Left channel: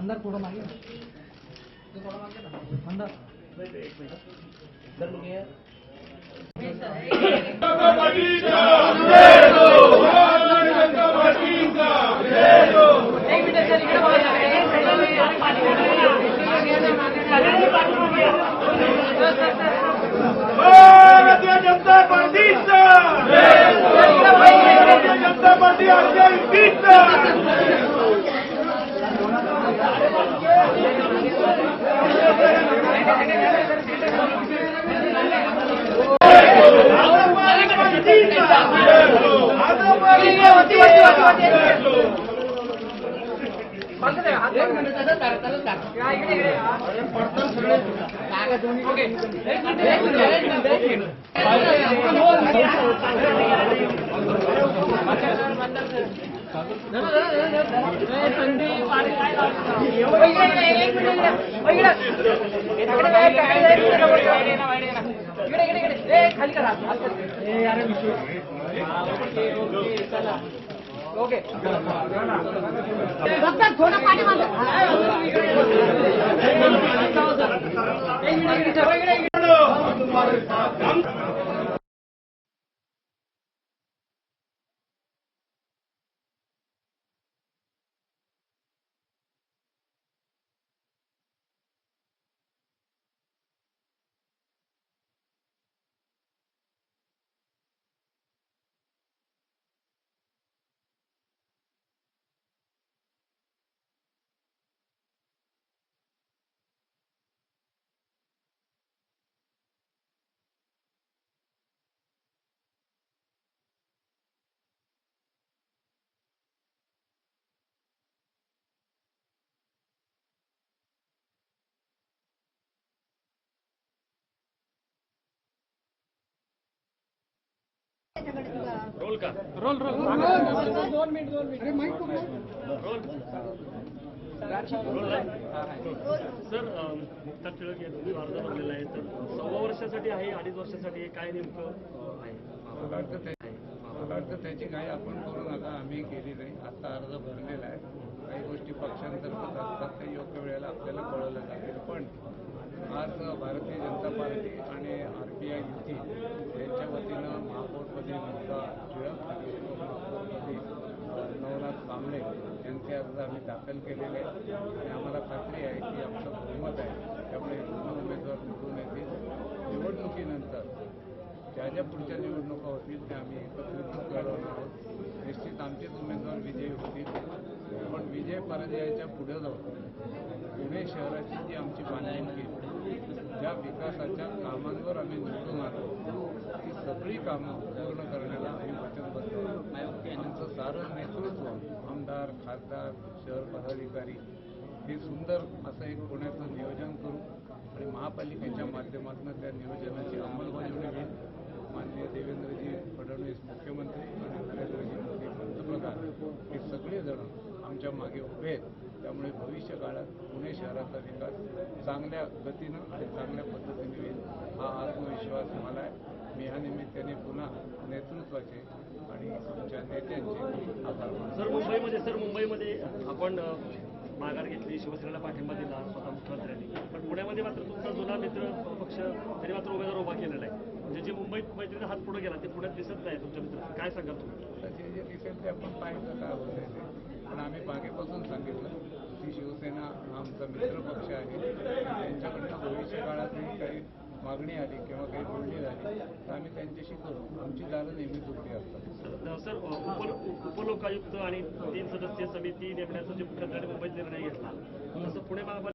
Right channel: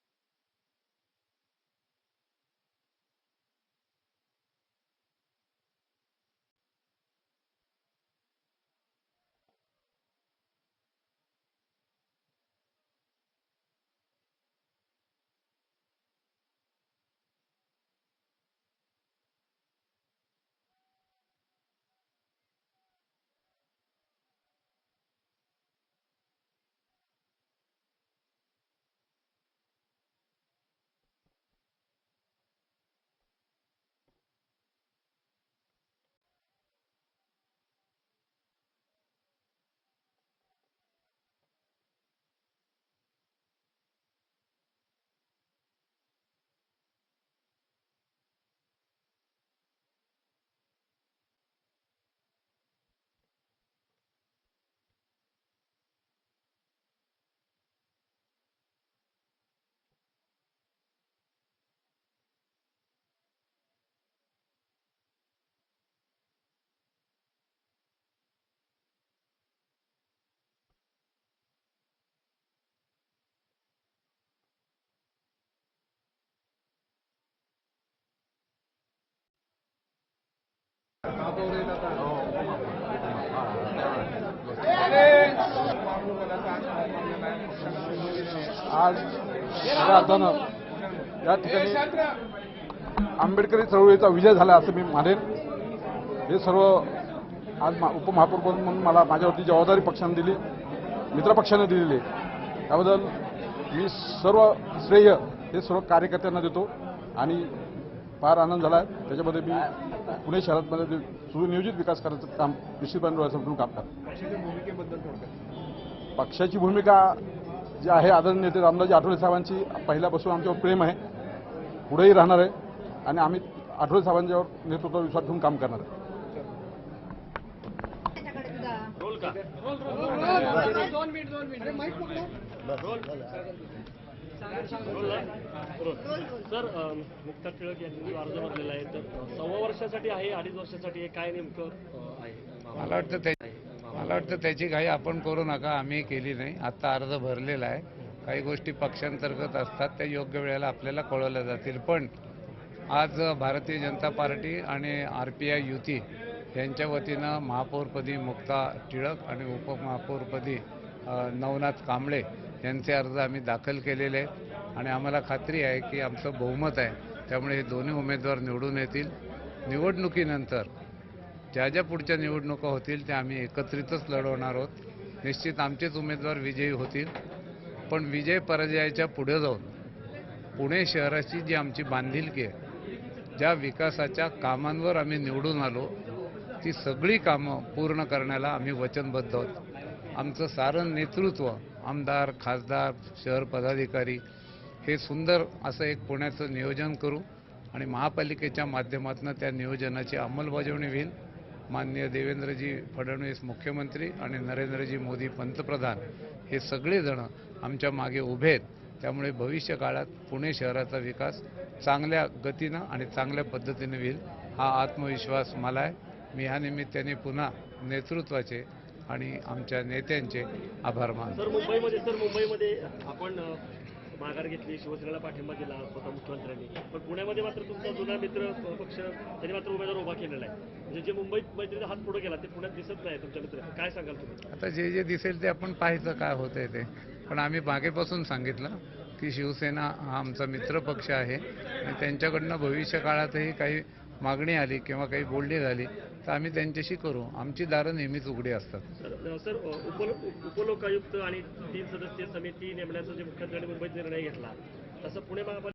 अंदर थोड़ा मागे अंदर एक मिनट इधर लोग हैं जनता पार्टी थोड़ा पाणी आज या ठिकाणी आंबेडकरी चळवळीचा विजय झाला असं मी मानेन। हे सर्व आज उपमहापौर म्हणून मला माझ्यावरती जबाबदारी पक्षाने दिली, मित्रपक्षाने दिलेली आहे। त्याबद्दल मी सर्व श्रेय हे सर्व कार्यकर्त्यांना देतो आणि फार आनंद झाला आहे। त्याच्यामध्ये मी पुणे शहरामध्ये सुनियोजित विकास करायचं काम निश्चितपणे डोळ्यासमोरून काम करतो। पक्षाची भूमिका जी आहे आदरणीय नेते रामदासजी आठवले साहेबांची पहिल्यापासून आमच्यावर प्रेम आहे, पुढेही राहणार आहे आणि आम्ही आठवले साहेबांच्यावर नेतृत्वावर विश्वास ठेवून काम करणार आहे। रोल का रोल रोल दोन minute roll sir Mukta Tilak यांनी अर्ज भरलेला आहे, तर 6 वर्षासाठी आहे 2.5 वर्षासाठी काय नेमकं आहे? मला वाटतं त्याची काही आपण करू नका, आम्ही केली नाही। आता अर्ज भरलेला आहे, काही गोष्टी पक्षांतर्गत असतात त्या योग्य वेळेला आपल्याला कळवल्या जातील। पण आज भारतीय जनता पार्टी आणि RPI युती यांच्या वतीनं महापौरपदी मुक्ता टिळक आणि उपमहापौरपदी नवनाथ कांबळे यांचे अर्ज आम्ही दाखल केलेले आहेत आणि आम्हाला खात्री आहे की आमचं बहुमत आहे, त्यामुळे हे दोन्ही उमेदवार निवडून येतील। निवडणुकीनंतर ज्या पुढच्या निवडणुका होतील त्या आम्ही एकत्रितच लढवणार आहोत। निश्चित आमचेच उमेदवार विजयी होतील, पण विजय पराजयाच्या पुढे जाऊन पुणे शहराची जी आमची बांधिलकी आहे, ज्या विकासाच्या कामांवर आम्ही निवडून आलो ती सगळी कामं पूर्ण करण्याला आम्ही वचनबद्ध आहोत। आमचं सारं नेतृत्व, आमदार, खासदार, शहर पदाधिकारी हे सुंदर असं एक पुण्याचं नियोजन करू आणि महापालिकेच्या माध्यमातून त्या नियोजनाची अंमलबजावणी होईल। माननीय देवेंद्रजी फडणवीस मुख्यमंत्री आणि नरेंद्रजी मोदी पंतप्रधान हे सगळेजण आमच्या मागे उभे आहेत, त्यामुळे भविष्य काळात पुणे शहराचा विकास चांगल्या गतीनं आणि चांगल्या पद्धतीने होईल हा आत्मविश्वास मला आहे। मी या निमित्ताने पुन्हा नेतृत्वाचे आणि आमच्या नेत्यांचे आभार मानतो। सर मुंबईमध्ये आपण माघार घेतली, शिवसेनेला पाठिंबा दिला स्वतः मुख्यमंत्र्यांनी, पण पुण्यामध्ये मात्र तुमचा जुना मित्र पक्ष त्यांनी मात्र उमेदवार उभा केलेला आहे। म्हणजे जे मुंबईत मैत्रीचा हात पुढे गेला ते पुण्यात दिसत नाही तुमच्या मित्र, काय सांगाल तुम्ही? आता जे दिसेल ते आपण पाहायचं काय होतंय ते, पण आम्ही मागेपासून सांगितलं की शिवसेना हा आमचा मित्र पक्ष आहे, त्यांच्याकडनं भविष्य काळातही काही मागणी आली किंवा काही बोलणी झाली तर आम्ही त्यांच्याशी करू, आमची दारं नेहमीच उघडी असतात। सर उपलोकायुक्त आणि 3 सदस्यीय समिती नेमण्याचा जे मुंबईत निर्णय घेतला तसं पुणे महापालिका